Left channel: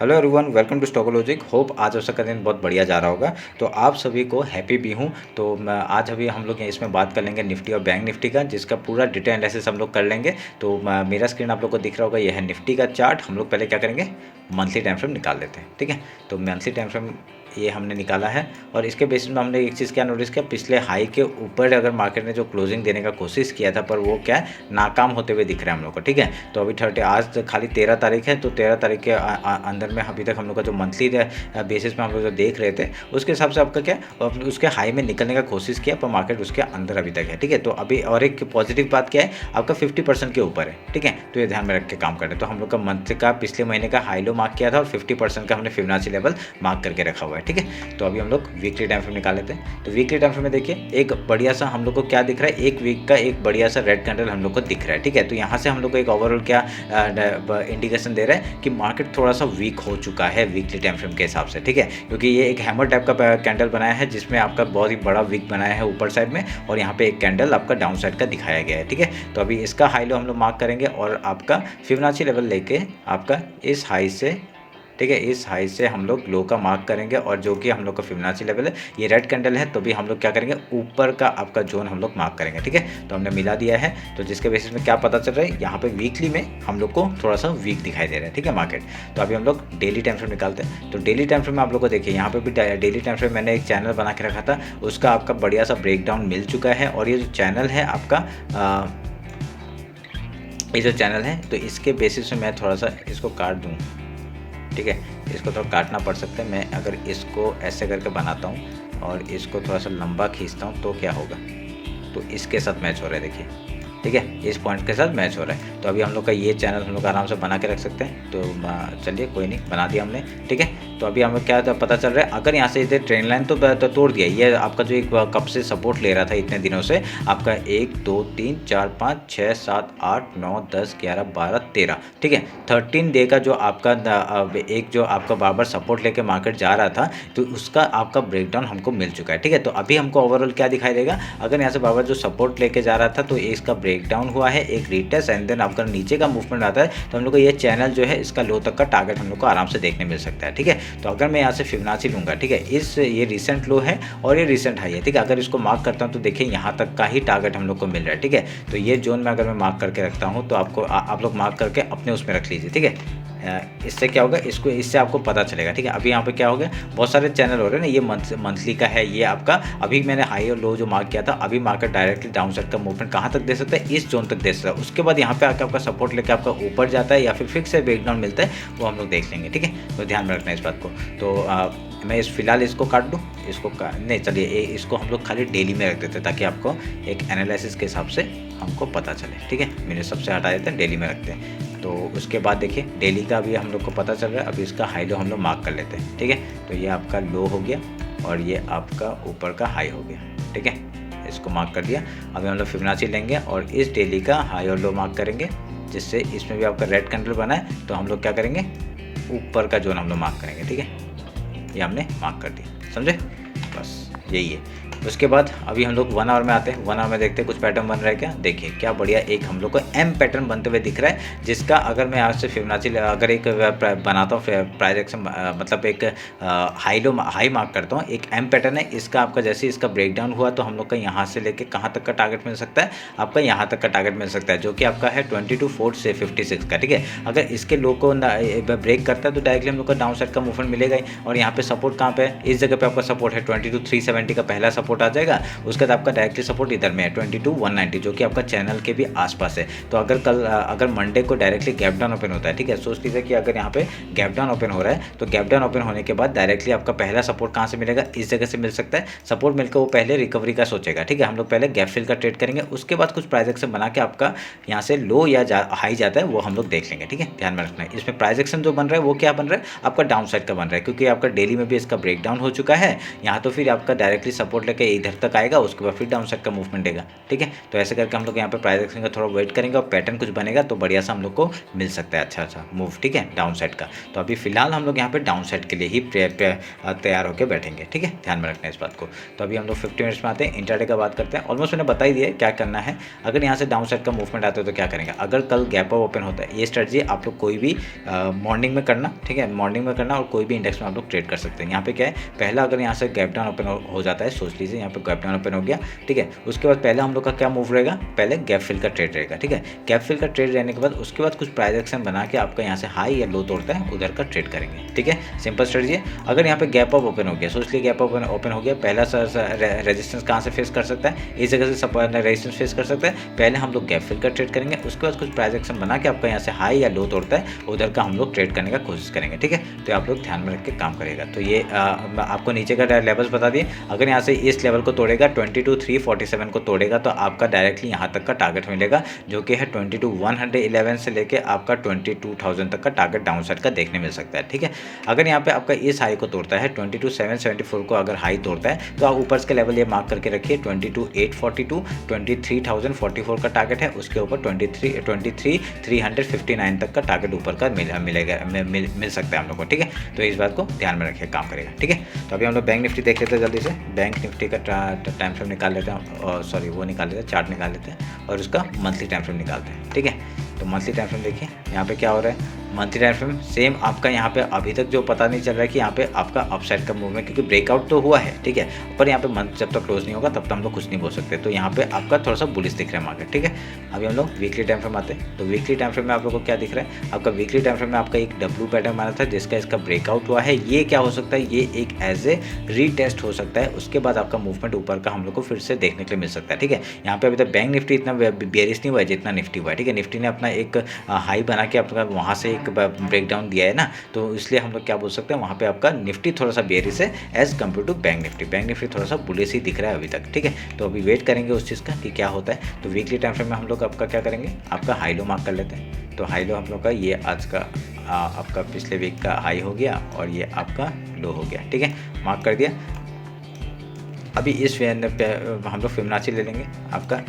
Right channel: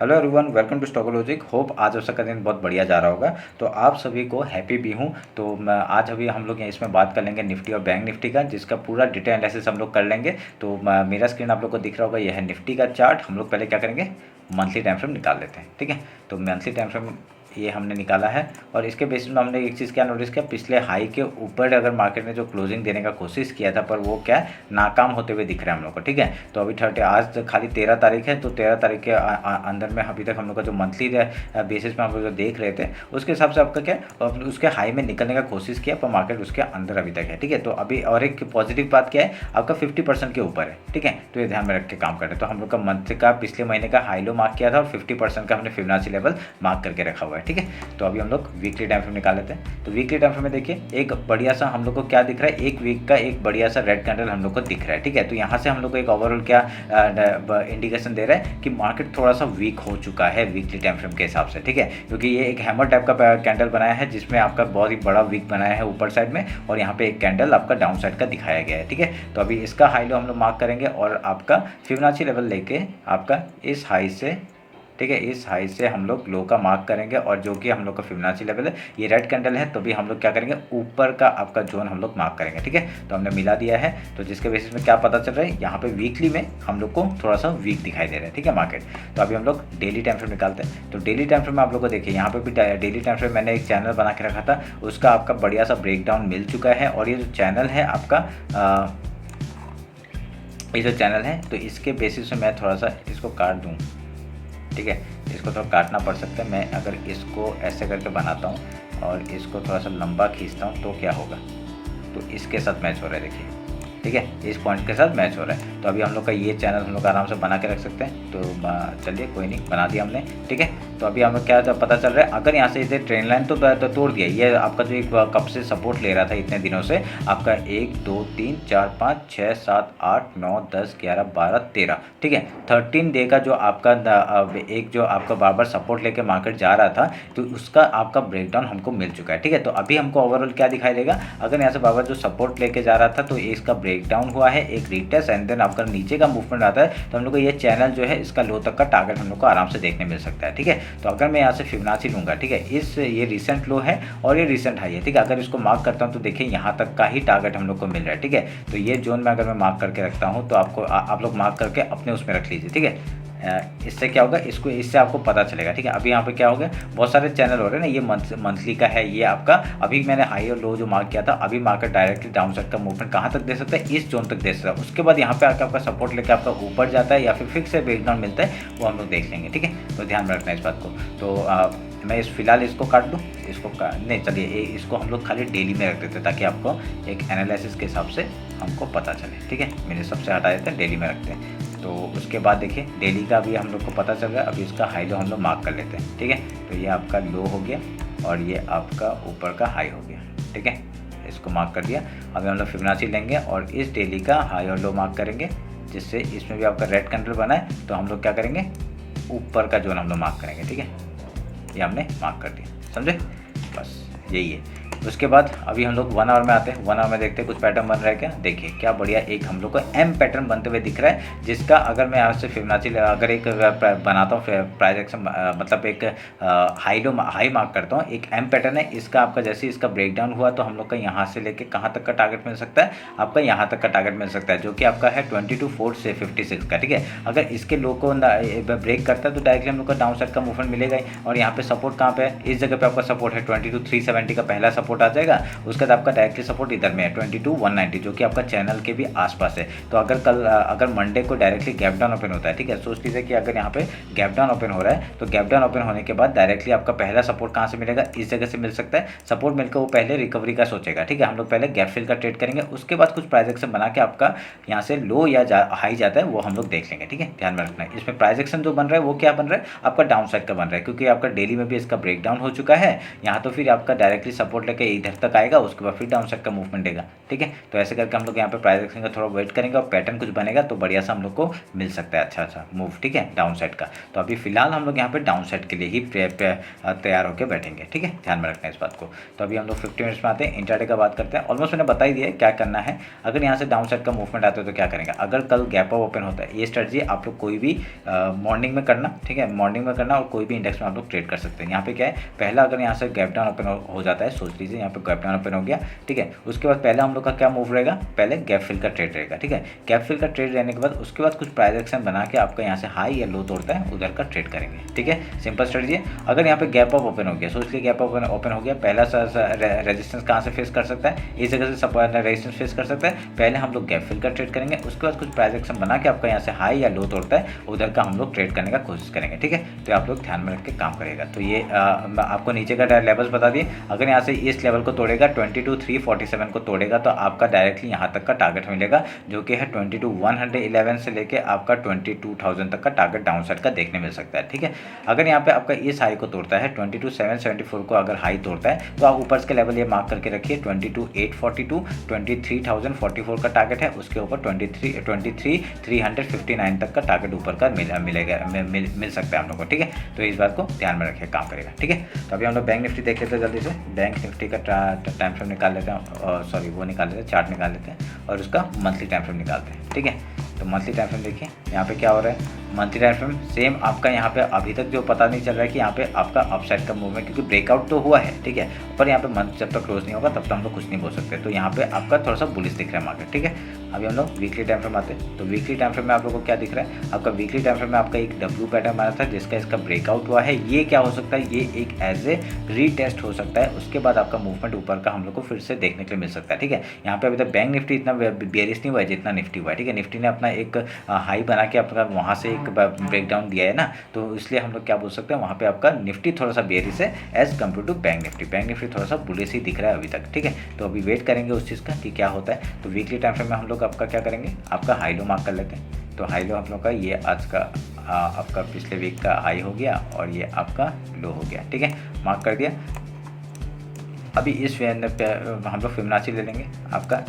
Hello everyone, welcome to Stockologic. Hope आज आपका दिन बहुत बढ़िया जा रहा होगा। तो आप सभी को हैप्पी भी हूँ। तो आज अभी हम लोग इसमें बात कर लेंगे निफ्टी और बैंक निफ्टी का, जिसका पूरा डिटेल एनालिसिस हम लोग कर लेंगे। तो मेरा स्क्रीन आप लोग को दिख रहा होगा, यह है निफ्टी का चार्ट। हम लोग पहले क्या करेंगे, मंथली टाइम फ्रेम निकाल लेते हैं। ठीक है, तो मंथली टाइम फ्रेम ये हमने निकाला है और इसके बेसिस में हमने एक चीज़ क्या नोटिस किया, पिछले हाई के ऊपर अगर मार्केट ने जो क्लोजिंग देने का कोशिश किया था, पर वो क्या है, नाकाम होते हुए दिख रहा है हम लोग को। ठीक है, तो अभी आज खाली 13 तारीख है, तो 13 तारीख के अंदर में अभी तक हम लोग का जो मंथली बेसिस में हम लोग जो देख रहे थे, उसके हिसाब से आपका क्या, उसके हाई में निकलने का कोशिश किया, पर मार्केट उसके अंदर अभी तक है। ठीक है, तो अभी और एक पॉजिटिव बात क्या है, आपका 50% के ऊपर है। ठीक है, तो ये ध्यान में रख के काम करें। तो हम लोग का मंथ का पिछले महीने का हाई लो मार्क किया था और 50% का हमने फिबोनाची लेवल मार्क करके रखा हुआ है। ठीक है, तो अभी हम लोग वीकली टाइम फ्रेम निकाल लेते हैं। तो वीकली टाइम फ्रेम में देखिए, एक बढ़िया सा हम लोग को क्या दिख रहा है, एक वीक का एक बढ़िया सा रेड कैंडल हम लोग को दिख रहा है। ठीक है, तो यहाँ से हम लोग को एक ओवरऑल क्या इंडिकेशन दे रहा है कि मार्केट थोड़ा सा वीक हो चुका है वीकली टाइम फ्रेम के हिसाब से। ठीक है, क्योंकि ये एक हैमर टाइप का कैंडल बनाया है, जिसमें आपका बहुत ही बड़ा वीक बनाया है ऊपर साइड में, और यहाँ पे एक कैंडल आपका डाउन साइड का दिखाया गया है। ठीक है, तो अभी इसका हाई लो हम लोग मार्क करेंगे और आपका फिबोनाची लेवल लेके आपका इस हाई से, ठीक है, इस हाई से हम लोग लो का मार्क करेंगे, और जो कि हम लोग का फिबोनाची लेवल है, ये रेड कैंडल है, तो भी हम लोग क्या करेंगे, ऊपर का आपका जोन हम लोग मार्क करेंगे। ठीक है, तो हमने मिला दिया है। तो जिसके बेसिस में क्या पता चल रहा है, यहाँ पे वीकली में हम लोग को थोड़ा सा वीक दिखाई दे रहा है। ठीक है, मार्केट। तो अभी हम लोग डेली टाइम फ्रेम निकालते हैं। तो डेली टाइम फ्रेम में आप लोग को देखिए, यहाँ पे भी डेली टाइम फ्रेम मैंने एक चैनल बना के रखा था, उसका आपका बढ़िया सा ब्रेकडाउन मिल चुका है। और ये जो चैनल है आपका, ये जो चैनल है, तो इसके बेसिस में मैं थोड़ा सा इसको काट दूँ। ठीक है, इसको थोड़ा काटना पड़ सकता है। मैं अगर इसको ऐसे करके बनाता हूँ और इसको थोड़ा सा लंबा खींचता हूँ, तो क्या होगा, तो इसके साथ मैच हो रहा है, देखिए। ठीक है, इस पॉइंट के साथ मैच हो रहा है। तो अभी हम लोग का ये चैनल हम लोग आराम से बना के रख सकते हैं। तो चलिए, कोई नहीं, बना दिया हमने। ठीक है, तो अभी हमें क्या पता चल रहा है, अगर यहाँ से इधर ट्रेंड लाइन तो तोड़ दिया, ये आपका जो एक कब से सपोर्ट ले रहा था इतने दिनों से, आपका 1 2 3 4 5 6 7 8 9 10 11 12 13। ठीक है, 13 डे का जो आपका एक जो आपका बार बार सपोर्ट लेके मार्केट जा रहा था, तो उसका आपका ब्रेकडाउन हमको मिल चुका है। ठीक है, तो अभी हमको ओवरऑल क्या दिखाई देगा, अगर यहाँ से बार बार जो सपोर्ट लेके जा रहा था, तो इसका ब्रेकडाउन हुआ है, एक रीटेस्ट, एंड देन आपका नीचे का मूवमेंट आता है, तो हम लोग को ये चैनल जो है, इसका लो तक का टारगेट हम लोग को आराम से देखने मिल सकता है। ठीक है, तो अगर मैं यहाँ से फिबोनाची लूँगा, ठीक है, ये रिसेंट लो है और ये रिसेंट हाई है। ठीक है, अगर इसको मार्क करता हूँ, तो देखिए यहाँ तक का ही टारगेट हम लोग को मिल रहा है। ठीक है, तो ये जोन में अगर मैं मार्क करके रखता हूँ, तो आप लोग मार्क करके अपने उसमें रख लीजिए। ठीक है, इससे क्या होगा, इससे आपको पता चलेगा। ठीक है, अभी यहाँ पे क्या हो गया, बहुत सारे चैनल हो रहे हैं ना, ये मंथली का है, ये आपका अभी मैंने हाई और लो जो मार्क किया था, अभी मार्केट डायरेक्टली डाउन साइड का मूवमेंट कहाँ तक दे सकता है, इस जोन तक दे सकता है। उसके बाद यहाँ पे आकर आपका सपोर्ट लेकर आपका ऊपर जाता है या फिर फिक्स से ब्रेकडाउन मिलता है, वो हम लोग देख लेंगे। ठीक है, तो ध्यान में रखना इस बात को। तो मैं फिलहाल इसको काट दूँ, इसको नहीं, चलिए इसको हम लोग खाली डेली में रख देते हैं, ताकि आपको एक एनालिसिस के हिसाब से हमको पता चले। ठीक है, मेरे सबसे हटा देते हैं, डेली में रखते हैं। तो उसके बाद देखिए, डेली का भी हम लोग को पता चल रहा है। अभी इसका हाई लो हम लोग मार्क कर लेते हैं। ठीक है, तो ये आपका लो हो गया और ये आपका ऊपर का हाई हो गया। ठीक है, इसको मार्क कर दिया। अभी हम लोग फिबोनाची लेंगे और इस डेली का हाई और लो मार्क करेंगे, जिससे इसमें भी आपका रेड कैंडल बना है, तो हम लोग क्या करेंगे, ऊपर का जोन हम लोग मार्क करेंगे। ठीक है, ये हमने मार्क कर दिया, समझे, बस यही है। उसके बाद अभी हम लोग 1 आवर में आते हैं। 1 आवर में देखते हैं कुछ पैटर्न बन रहा है क्या। देखिए क्या बढ़िया एक हम लोग को एम पैटर्न बनते हुए दिख रहा है, जिसका अगर मैं यहाँ से फिबोनाची अगर एक बनाता हूँ प्राइस एक्शन, मतलब एक हाई मार्क करता हूँ, एक एम पैटर्न है इसका। आपका जैसे इसका ब्रेकडाउन हुआ, तो हम लोग का यहाँ से लेके कहाँ तक का टारगेट मिल सकता है, आपका यहाँ तक का टारगेट मिल सकता है, जो कि आपका है 22 से 56 का। ठीक है, अगर इसके लो को ब्रेक करता है, तो डायरेक्टली हम लोग का डाउन साइड का मूवमेंट मिलेगा ही। और यहाँ पे सपोर्ट कहाँ पे है, इस जगह पे आपका सपोर्ट है 22,370 का पहला सपोर्ट आ जाएगा। उसके बाद आपका डायरेक्टली सपोर्ट इधर में है 22,190, जो कि आपका चैनल के भी आसपास है। तो अगर मंडे को डायरेक्टली गैप डाउन ओपन होता है, ठीक है, सोच लीजिए कि अगर यहाँ पे गैप डाउन ओपन हो रहा है, तो गैप डाउन ओपन होने के बाद डायरेक्टली आपका पहला सपोर्ट कहाँ से मिलेगा, इस जगह से मिल सकता है। सपोर्ट मिलकर वो पहले रिकवरी का सोचेगा। ठीक है, हम लोग पहले गैप फिल का ट्रेड करेंगे, उसके बाद कुछ प्राइस एक्शन बना के आपका यहाँ से लो या हाई जाता है, वो हम लोग देख लेंगे। ठीक है, ध्यान में रखना है। इसमें प्राइस एक्शन जो बन रहा है, वो क्या बन रहा है, आपका डाउन साइड का बन रहा है, क्योंकि आपका डेली में भी इसका ब्रेकडाउन हो चुका है। यहाँ तो फिर आपका डायरेक्टली सपोर्ट लेकर करके इधर तक आएगा, उसके बाद फिर डाउन साइड का मूवमेंट देगा। ठीक है, तो ऐसे करके हम लोग यहाँ पे प्राइस एक्शन का थोड़ा वेट करेंगे और पैटर्न कुछ बनेगा तो बढ़िया सा हम लोग को मिल सकता है अच्छा मूव। ठीक है, डाउन साइड का। तो अभी फिलहाल हम लोग यहाँ पे डाउन साइड के लिए ही तैयार होकर बैठेंगे। ठीक है, ध्यान में रखना है इस बात को। तो अभी हम लोग 50 मिनट्स में आते हैं, इंट्राडे का बात करते हैं। ऑलमोस्ट मैंने बता ही दिया क्या करना है। अगर यहाँ से डाउन साइड का मूवमेंट आता है तो क्या करेंगे, अगर कल गैप अप ओपन होता है, ये स्ट्रेटजी आप लोग कोई भी मॉर्निंग में करना। ठीक है, मॉर्निंग में करना और कोई भी इंडेक्स में आप लोग ट्रेड कर सकते हैं। यहाँ पे क्या है, पहला अगर यहाँ से गैप डाउन ओपन हो जाता है, सोच लीजिए यहाँ पे गैप डाउन ओपन हो गया। ठीक है, उसके बाद पहले हम लोग का क्या मूव रहेगा, पहले गैप फिल का ट्रेड रहेगा। ठीक है, गैप फिल का ट्रेड रहने के बाद उसके बाद कुछ प्राइस एक्शन बना के आपका यहाँ से हाई या लो तोड़ता है, उधर का ट्रेड करेंगे। ठीक है, सिंपल स्ट्रेटजी है। अगर यहाँ पे गैप अप ओपन हो गया, सोच लीजिए गैप ओपन हो गया, पहला रेजिस्टेंस कहाँ से फेस कर सकता है, इस जगह से रेजिस्टेंस फेस कर सकता है। पहले हम लोग गैप फिल का ट्रेड करेंगे, उसके बाद कुछ प्राइस एक्शन बना के आपका यहाँ से हाई या लो तोड़ता है, उधर का हम लोग ट्रेड करने का कोशिश करेंगे। ठीक है, तो आप लोग ध्यान में रख के काम करेगा। तो ये आपको नीचे का लेवल्स बता दिए। अगर यहाँ से इस लेवल को तोड़ेगा 22,347 को तोड़ेगा तो आपका डायरेक्टली यहाँ तक का टारगेट मिलेगा, जो कि है 22,111 से लेके आपका 22,000 तक का टारगेट डाउन साइड का देखने मिल सकता है। ठीक है, अगर यहाँ पे आपका इस हाई को तोड़ता है 22,774 को अगर हाई तोड़ता है तो आप ऊपर के लेवल ये मार्क करके रखिए 22,842, 23,044 का टारगेट है, उसके ऊपर 23,359 तक का टारगेट ऊपर का मिल सकता है हम लोग को। ठीक है, तो इस बात को ध्यान में रखिए, काम करेगा। ठीक है, तो अभी हम लोग बैंक निफ्टी देख लेते हैं जल्दी से। बैंक निफ्टी का टाइम फ्रेम निकाल लेते हैं, और सॉरी वो निकाल लेते हैं, चार्ट निकाल लेते हैं और उसका मंथली टाइम फ्रेम निकालते हैं। ठीक है, तो मंथली टाइम फ्रेम देखिए यहाँ पे क्या हो रहा है। मंथली टाइम फ्रेम सेम आपका यहाँ पे अभी तक जो पता नहीं चल रहा है कि यहाँ पे आपका अपसाइड का मूवमेंट, क्योंकि ब्रेकआउट तो हुआ है। ठीक है, पर यहाँ पे मंथ जब तक क्लोज नहीं होगा तब तक हम लोग कुछ नहीं बोल सकते। तो यहाँ पे आपका थोड़ा सा बुलिश दिख रहा है मार्केट। ठीक है, अभी हम लोग वीकली टाइम फ्रेम आते हैं। तो वीकली टाइम फ्रेम में आप लोगों को क्या दिख रहा है, आपका वीकली टाइम फ्रेम में आपका एक डब्ल्यू पैटर्न बना था जिसका इसका ब्रेकआउट हुआ है। ये क्या हो सकता है, ये एक एज ए रीटेस्ट हो सकता है, उसके बाद आपका मूवमेंट ऊपर का हम लोग को फिर से देखने के लिए मिल सकता है। ठीक है, यहाँ पे अभी तक बैंक निफ्टी इतना बेरिश नहीं हुआ है जितना निफ्टी हुआ है। ठीक है, निफ्टी ने अपना एक हाई बना के आपका वहाँ से एक ब्रेकडाउन दिया है ना, तो इसलिए हम लोग क्या बोल सकते हैं, वहाँ पे आपका निफ्टी थोड़ा सा बेरिश है as compared to bank Nifty. Bank Nifty थोड़ा सा बुलिश ही दिख रहा है अभी तक। ठीक है, तो अभी वेट करेंगे उस चीज़ का कि क्या होता है। तो वीकली टाइम फ्रेम में हम लोग आपका क्या करेंगे, आपका हाई लो मार्क कर लेते हैं। तो हाई लो हम लोग का ये आज का आपका पिछले वीक का हाई हो गया और ये आपका लो हो गया। ठीक है, मार्क कर दिया। अभी इस हम लोग फिबोनाची ले लेंगे आपका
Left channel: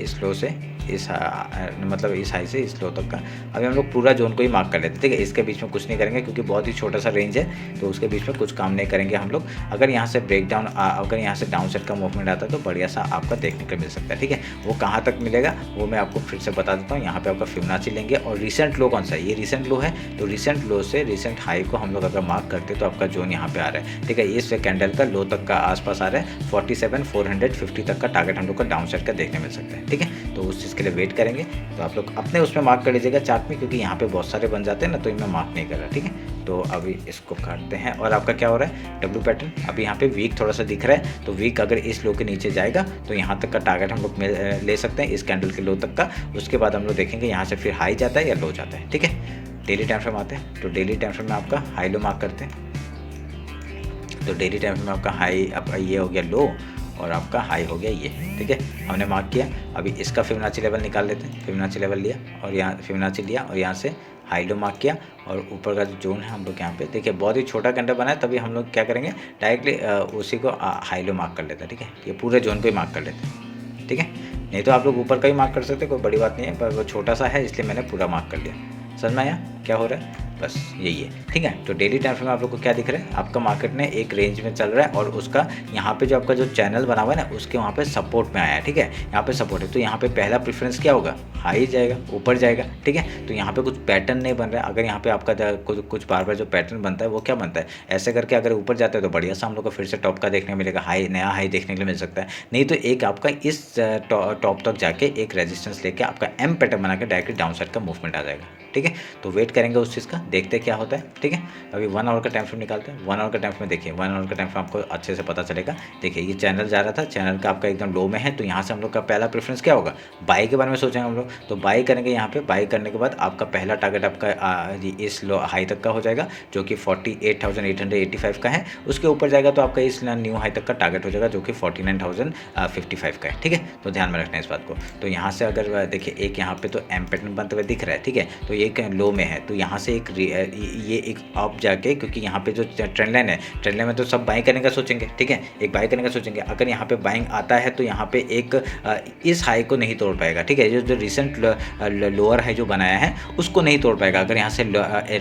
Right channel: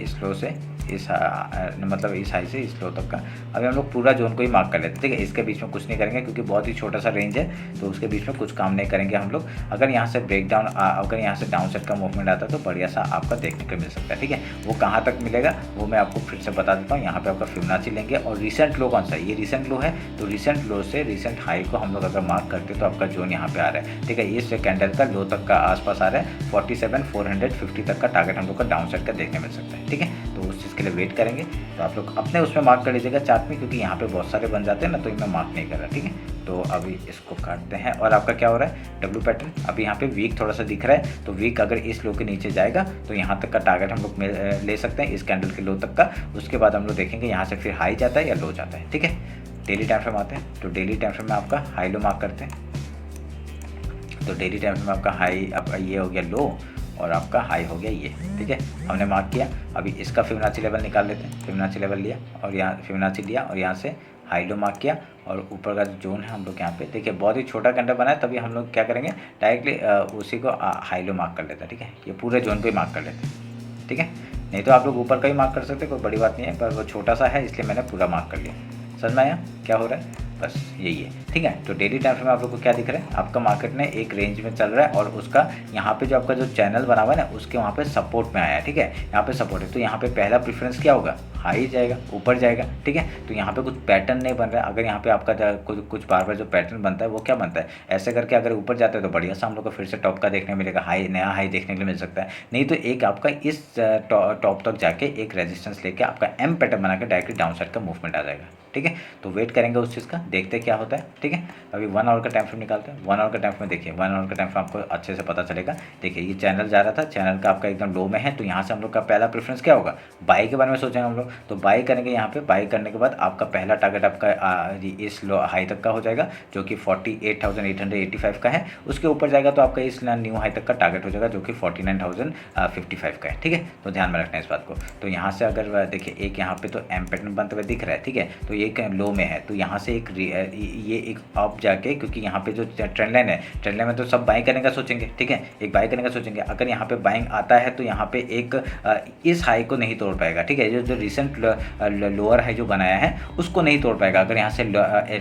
इस लो से इस मतलब इस हाई से इस लो तक का। अभी हम लोग पूरा जोन को ही मार्क कर लेते हैं। ठीक है, इसके बीच में कुछ नहीं करेंगे क्योंकि बहुत ही छोटा सा रेंज है, तो उसके बीच में कुछ काम नहीं करेंगे हम लोग। अगर यहाँ से ब्रेक डाउन, अगर यहाँ से डाउन साइड का मूवमेंट आता है तो बढ़िया सा आपका देखने को मिल सकता है। ठीक है, वो कहाँ तक मिलेगा वो मैं आपको फिर से बता देता हूँ। यहाँ पे आपका फिबोनाची लेंगे और रिसेंट लो कौन सा है, ये रिसेंट लो है, तो रिसेंट लो से रिसेंट हाई को हम लोग अगर मार्क करते तो आपका जोन यहाँ पे आ रहा है। ठीक है, इस कैंडल का लो तक का आसपास आ रहा है, 47,450 तक का टारगेट हम लोग का डाउन साइड का देखने मिल सकता है। ठीक है, तो उस चीज़ के लिए वेट करेंगे। तो आप लोग अपने उसमें मार्क कर लीजिएगा चार्ट में, क्योंकि यहाँ पे बहुत सारे बन जाते हैं ना, तो इनमें मार्क नहीं कर रहा। ठीक है, तो अभी इसको काटते हैं और आपका क्या हो रहा है, डब्ल्यू पैटर्न अभी यहाँ पे वीक थोड़ा सा दिख रहा है। तो वीक अगर इस लो के नीचे जाएगा तो यहाँ तक का टारगेट हम लोग ले सकते हैं, इस कैंडल के लो तक का। उसके बाद हम लोग देखेंगे यहाँ से फिर हाई जाता है या लो जाता है। ठीक है, डेली टाइम फ्रेम आते हैं। तो डेली टाइम फ्रेम में आपका हाई लो मार्क करते हैं। तो डेली टाइम फ्रेम में आपका हाई आपका ये हो गया लो और आपका हाई हो गया ये। ठीक है, हमने मार्क किया। अभी इसका फिबोनाची लेवल निकाल लेते हैं। फिबोनाची लेवल लिया और यहाँ फिबोनाची लिया और यहाँ से हाई लो मार्क किया और ऊपर का जो जोन है हम लोग यहाँ पे देखिए बहुत ही छोटा कैंडल बना है, तभी हम लोग क्या करेंगे डायरेक्टली उसी को हाई लो मार्क कर लेते हैं। ठीक है, ये पूरे जोन को ही मार्क कर लेते हैं। ठीक है, नहीं तो आप लोग ऊपर का ही मार्क कर सकते हैं, कोई बड़ी बात नहीं है, पर वो छोटा सा है इसलिए मैंने पूरा मार्क कर लिया। समझ में आया क्या हो रहा है, बस यही है। ठीक है, तो डेली टाइम फ्रेम में आप लोग को क्या दिख रहा है, आपका मार्केट ने एक रेंज में चल रहा है और उसका यहाँ पे जो आपका जो चैनल बना हुआ है ना उसके वहाँ पे सपोर्ट में आया है। ठीक है, यहाँ पे सपोर्ट है, तो यहाँ पे पहला प्रेफरेंस क्या होगा, हाई जाएगा, ऊपर जाएगा। ठीक है, तो यहाँ पे कुछ पैटर्न नहीं बन रहा है। अगर यहाँ पे आपका कुछ बार बार जो पैटर्न बनता है वो क्या बनता है, ऐसे करके अगर ऊपर जाता है तो बढ़िया सा हम लोग को फिर से टॉप का देखने मिलेगा, हाई नया हाई देखने के लिए मिल सकता है। नहीं तो एक आपका इस टॉप तक जाके एक रेजिस्टेंस लेके आपका एम पैटर्न बना के डायरेक्टली डाउन साइड का मूवमेंट आ जाएगा। ठीक है, तो वेट करेंगे उस चीज़ का, देखते क्या होता है। ठीक है, अभी 1 आवर का टाइम फ्रेम निकालते हैं। 1 आवर का टाइम फ्रेम देखिए, 1 आवर का टाइम फ्रेम आपको अच्छे से पता चलेगा। देखिए ये चैनल जा रहा था, चैनल का आपका एकदम लो में है, तो यहाँ से हम लोग का पहला प्रेफरेंस क्या होगा, बाई के बारे में सोचेंगे हम लोग। तो बाई करेंगे यहाँ पे, बाई करने के बाद आपका पहला टारगेट आपका इस लो हाई तक का हो जाएगा जो कि 48,885 का है। उसके ऊपर जाएगा तो आपका इस न्यू हाई तक का टारगेट हो जाएगा जो कि 49,055 का है। ठीक है, तो ध्यान में रखना है इस बात को। तो यहाँ से अगर देखिए एक यहाँ पे तो एम पैटर्न बनते हुए दिख रहा है। ठीक है, तो एक लो में है, तो यहाँ से एक ये एक अप जाके, क्योंकि यहाँ पे जो ट्रेंड लाइन है, ट्रेंड लाइन में तो सब बाइंग करने का सोचेंगे, ठीक है, एक बाइंग करने का सोचेंगे। अगर यहाँ पे बाइंग आता है तो यहाँ पे एक इस हाई को नहीं तोड़ पाएगा, ठीक है, जो रिसेंट लोअर हाई जो बनाया है उसको नहीं तोड़ पाएगा, अगर यहाँ से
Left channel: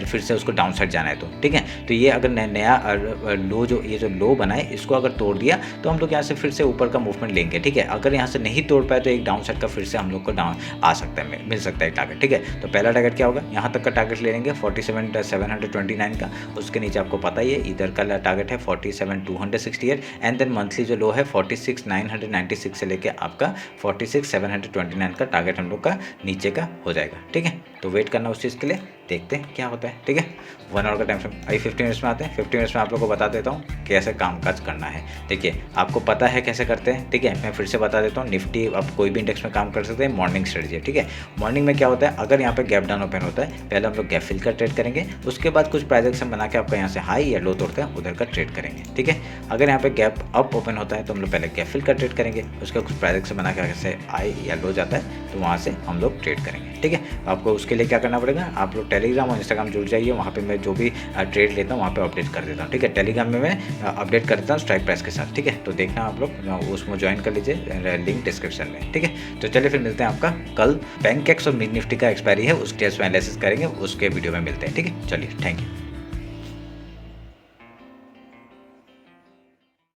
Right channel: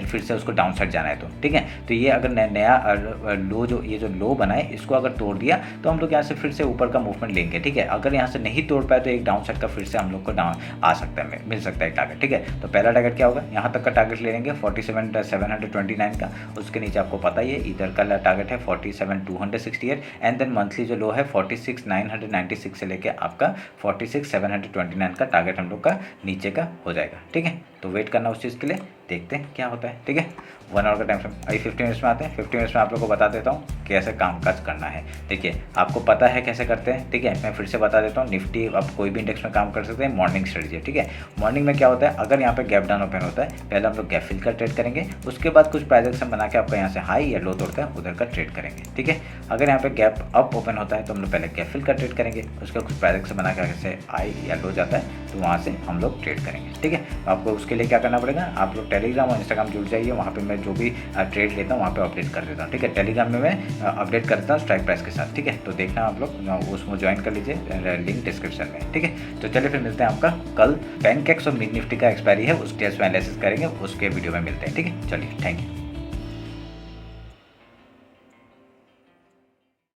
फिर से उसको डाउन साइड जाना है तो, ठीक है। तो ये अगर नया लो, जो ये जो लो बना है इसको अगर तोड़ दिया तो हम लोग यहाँ से फिर से ऊपर का मूवमेंट लेंगे, ठीक है। अगर यहाँ से नहीं तोड़ पाए तो एक डाउन साइड का फिर से हम लोग को डाउन आ सकता है, मिल सकता है टारगेट, ठीक है। तो पहला टारगेट क्या होगा, यहाँ तक का टारगेट ले लेंगे 47,729 का, उसके नीचे आपको पता ही है इधर का टारगेट है 47,268 एंड देन मंथली जो लो है 46,996 से लेके आपका 46,729 का टारगेट हम लोग का नीचे का हो जाएगा, ठीक है। तो वेट करना उस चीज़ के लिए, देखते हैं क्या होता है, ठीक है। 1 आवर का टाइम फ्रेम। अभी 50 मिनट्स में आते हैं। 50 मिनट्स में आप लोग को बता देता हूँ कैसे कामकाज करना है। देखिए आपको पता है कैसे करते हैं, ठीक है। मैं फिर से बता देता हूँ, निफ्टी आप कोई भी इंडेक्स में काम कर सकते हैं, मॉर्निंग स्ट्रेटजी है, ठीक है। मॉर्निंग में क्या होता है, अगर यहाँ पे गैप डाउन ओपन होता है, पहले हम लोग गैप फिल का ट्रेड करेंगे, उसके बाद कुछ प्राइस एक्शन बना के आपका यहाँ से हाई या लो तोड़कर उधर का ट्रेड करेंगे, ठीक है। अगर यहाँ पे गैप अप ओपन होता है तो हम लोग पहले गैप फिल का ट्रेड करेंगे, उसका कुछ प्राइस एक्शन बना के जैसे हाई या लो जाता है तो वहाँ से हम लोग ट्रेड करेंगे, ठीक है। आपको उसके लिए क्या करना पड़ेगा, आप लोग टेलीग्राम और इंस्टाग्राम जुड़ जाइए, वहाँ पे मैं जो भी ट्रेड लेता हूँ वहाँ पे अपडेट कर देता हूँ, ठीक है। टेलीग्राम में मैं अपडेट करता हूँ स्ट्राइक प्राइस के साथ, ठीक है। तो देखना आप लोग उसमें ज्वाइन कर लीजिए, लिंक डिस्क्रिप्शन में, ठीक है। तो चलिए फिर मिलते हैं आपका कल। बैंक एक्स और निफ्टी का एक्सपायरी है, उसके एनालिसिस करेंगे, उसके वीडियो में मिलते हैं, ठीक है। चलिए थैंक यू।